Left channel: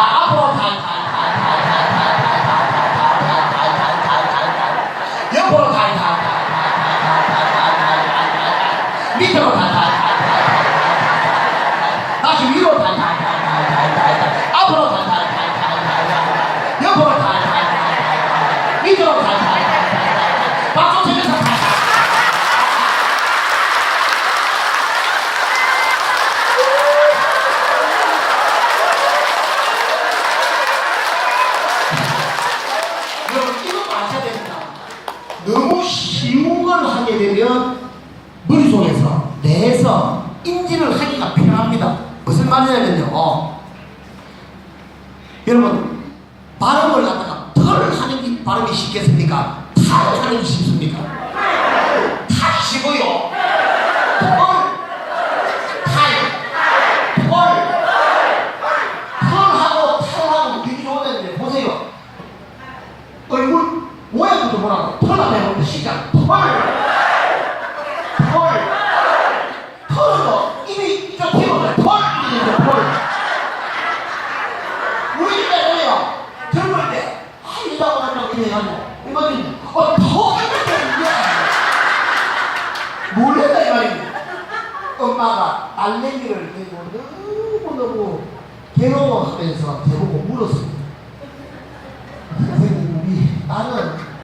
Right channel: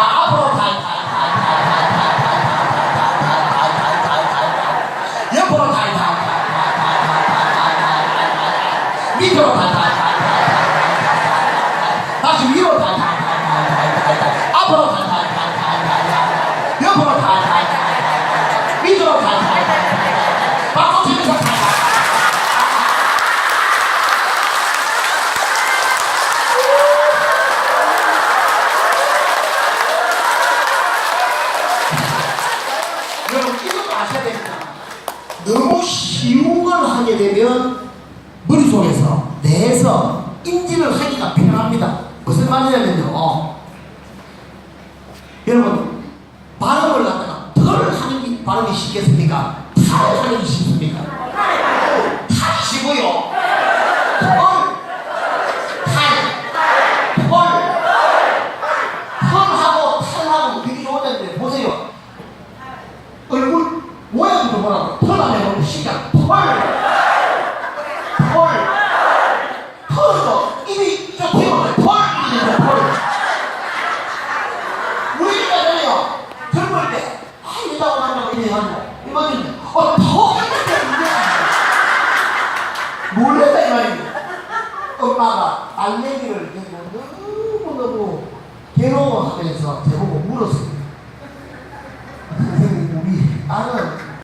阿婆太太，太太太太太太太太太太太太太太！有婆太太，太太太太太太太太太太太太太太！太太，太太太太！那就有婆太太，阿婆太太，太太太太！婆太太，你太太，把这。 아셔야 됩니다. 너무 쉬운 걸 하게 되면 머릿속에서 내서 인지를 하기가 편합니다. 무슨 말이냐면요. 여러분 발음을 갖다가 덜 하는 게 발음이 쉽겠습니까? 탈 하는 게 쉽습니까? 탈 쉬고요. 얼굴 모양도 뭐라고 해보면 시작 털, 털, 털로 입이 이쪽 대고 털 이렇게 털. 우리가 그래요. 젊을 때 한이라고 하는 거 이래요. 이거는 어더 이렇게 몰라다 이 말입니다. 엄마가 알레기를 들고 너무너무 괴로워하면서 저보고 물었습니다.